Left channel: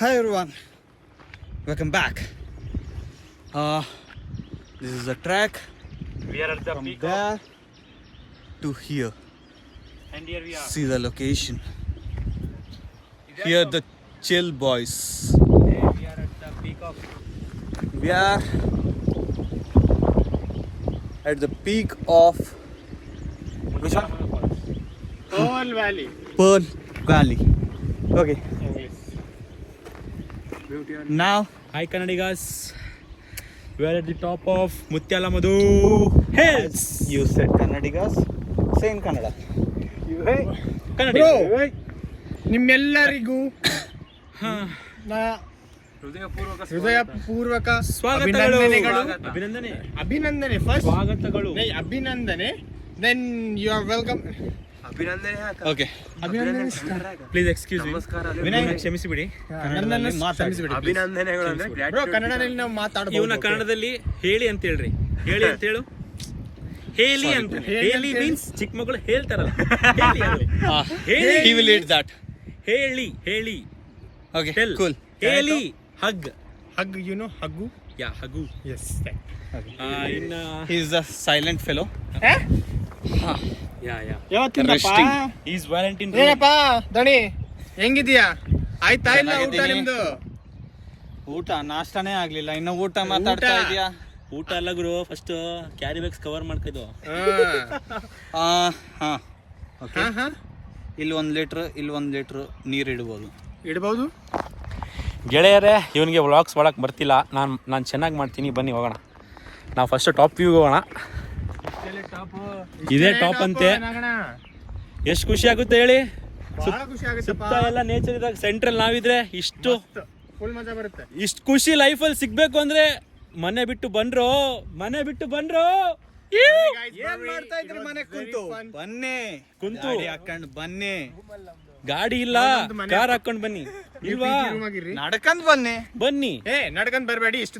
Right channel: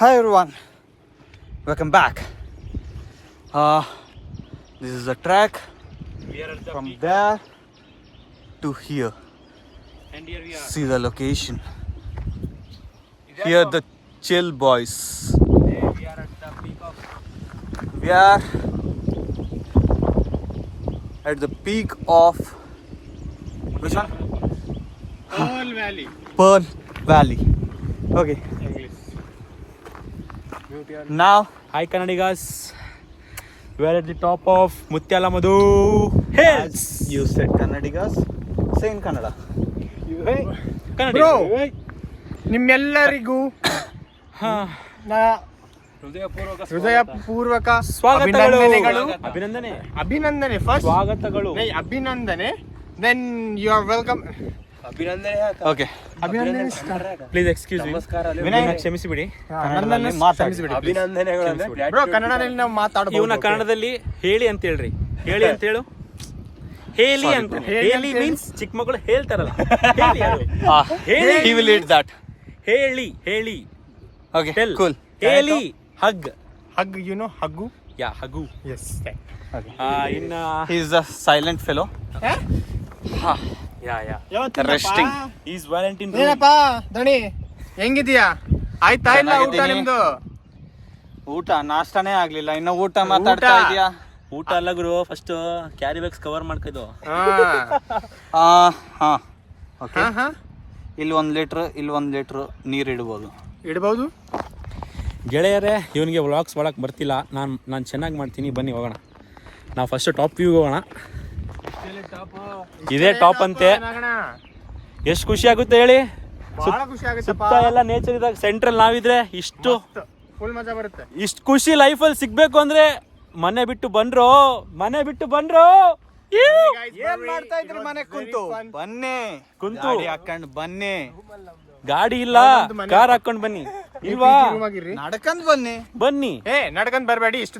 Hi everyone, welcome back. This is a track We are at the from peak there to here. and here we are. See the location. Here the chill boys. We are at the peak of We are at the peak of which one? Pearl Valley. Pearl Valley. Okay. Now Hi Kannadigas. We are at the top of Mutyalamadu Hills. you said Kannadigas. Say in Kannada. Bro, ನಿಮ್ಮೆಲ್ಲರಿಗೂ ಹೃದಯಪೂರ್ವಕ ಸ್ವಾಗತಗಳು. ಅಭಿನಂದನೆ ಅಭಿನಂದನೆ. ಅಭಿನಂದನೆ first ಸ್ವಾಗತಗಳು. ಅಭಿನಂದನೆ then you are welcome Okay. ಅಭಿನಂದನೆ please excuse me. Vinay, ಕ್ಷಮಿಸಿ ಬಿಡಿ. ಕನ್ನಡದಲ್ಲಿ ಮಾತಾಡಿ. ಬ್ರೋ ಕನ್ನಡದಲ್ಲಿ ನಾವು ಮಾತಾಡಬಹುದು. ಇವನ ಕನ್ನಡದಲ್ಲಿ ಹೇಳಿ ಅಂತ ಹೇಳ್ರಿ. ಹೇಳಿ ಅಂತ ಹೇಳು. ಹೇಳಿ ಅಂತ. ಹೇಳಿ ಮೀನ್ಸ್ ಚಿಕ್ಕ ಮಕ್ಕಳು ಹೇಳ್ತಾರಲ್ಲ. ಹೇಳಿ ಅದು. ಹೇಳಿ. He will eat that. ಹೇಳಿ. Okay. Tell. Cool. ಹೇಳಿ. Hug. Hug you know hug yeah hug. Yes Okay. ಇನ್ನ He is a silent fellow. Yeah Resting. He is Valentine. ಏನಪ್ಪ ದಣಿ ಹೆಂಗಿದ್ಯಾ? ಆಯ್ತಾ ಇಲ್ಲ ಊಟ ಚೆನ್ನಾಗಿದ್ದೀನಿ. ನಿಮ್ದು? ಊಟ ನಾಷ್ಟಾನೇ ಆಗ್ಲಿಲ್ಲ, ಇನ್ನು ಊಟ ಮಾತಾಡ್ತಾ ಊಟ. ಇದೀಯಾ? ಊಟ ಅಲ್ಲ ಗುರು, ಫಸ್ಟ್ ಕ್ಯಾರಿ ಬ್ಯಾಗ್ಸ್ ಕವರ್ ಮಾಡ್ಕಿದ್ದು. ಹಾ ಓಕೆ. ಹಾ ಇಲ್ಲಿ 1 ಲೀಟ್ರ್ ಇಲ್ಲಿ 1 ಲೀಟ್ರ್ ನೀರು ಇಡ್ಬೋದು. ಇಡಬಹುದು. ಗೆಳೆಯರೇ, ಇವನಿಗೆ ವ್ಲಾಗ್ಸ್ ಮಾಡಕ್ಕೆ ಬರ್ತಿಲ್ಲ. ನಾನು ಚೆನ್ನಾಗಿ ಮಾಡ್ತೀನಿ, ಬನ್ನಿ ಹೋಗೋಣ. ನಾವು ಫಸ್ಟ್ ಟಾಪ್ ವ್ಯೂಗೆ ಹೋಗೋಣ. ಇದೇ ಟಾಪ್ ಅಂತೆ. ಎಷ್ಟು ಖುಷಿ ಆಗುತ್ತೆ ಹೇಳಿ. ಬಹಳ ಖುಷಿ ಆಗುತ್ತಪ್ಪ. ಸುತ್ತ ಎಲ್ಲ ನೇಚರ್ ಇದ್ದಾಗ ಸೆಂಟ್ರಲ್ ನಾವಿದ್ರೆ ಇಷ್ಟು ಮಜಾ ಬರುತ್ತೆ. ಇಷ್ಟು ಖುಷಿ ಲೈಫಲ್ಲಿ ಸಿಗ್ಬೇಕು ಅಂದ್ರೆ ಮನೆ ಬಿಟ್ಟು ಬಂದ್ರು. ಏನ್ ಮಾಡ್ತಾ ಇದ್ರಿ ಮನೆ ಕುಂತು? ಬನ್ನಿ ಕುಂತು. ಗಾಡಿ ಹಾಕೊಂಡ್ ಬನ್ನಿ. ಗಾಡಿ ಇಲ್ಲ, ಕಾರ್ ಹಾಕೊಂಡ್ ಬನ್ನಿ. ಇಲ್ವಾ? ರೂಮ್ ಆಗಿರ್ರಿ. ನಡ್ಕೊಂಡ್ ಬನ್ನಿ. ಬನ್ನಿ. ನಡ್ಕೊಂಡ್ ಬರಬೇಡಿ, ಇಷ್ಟು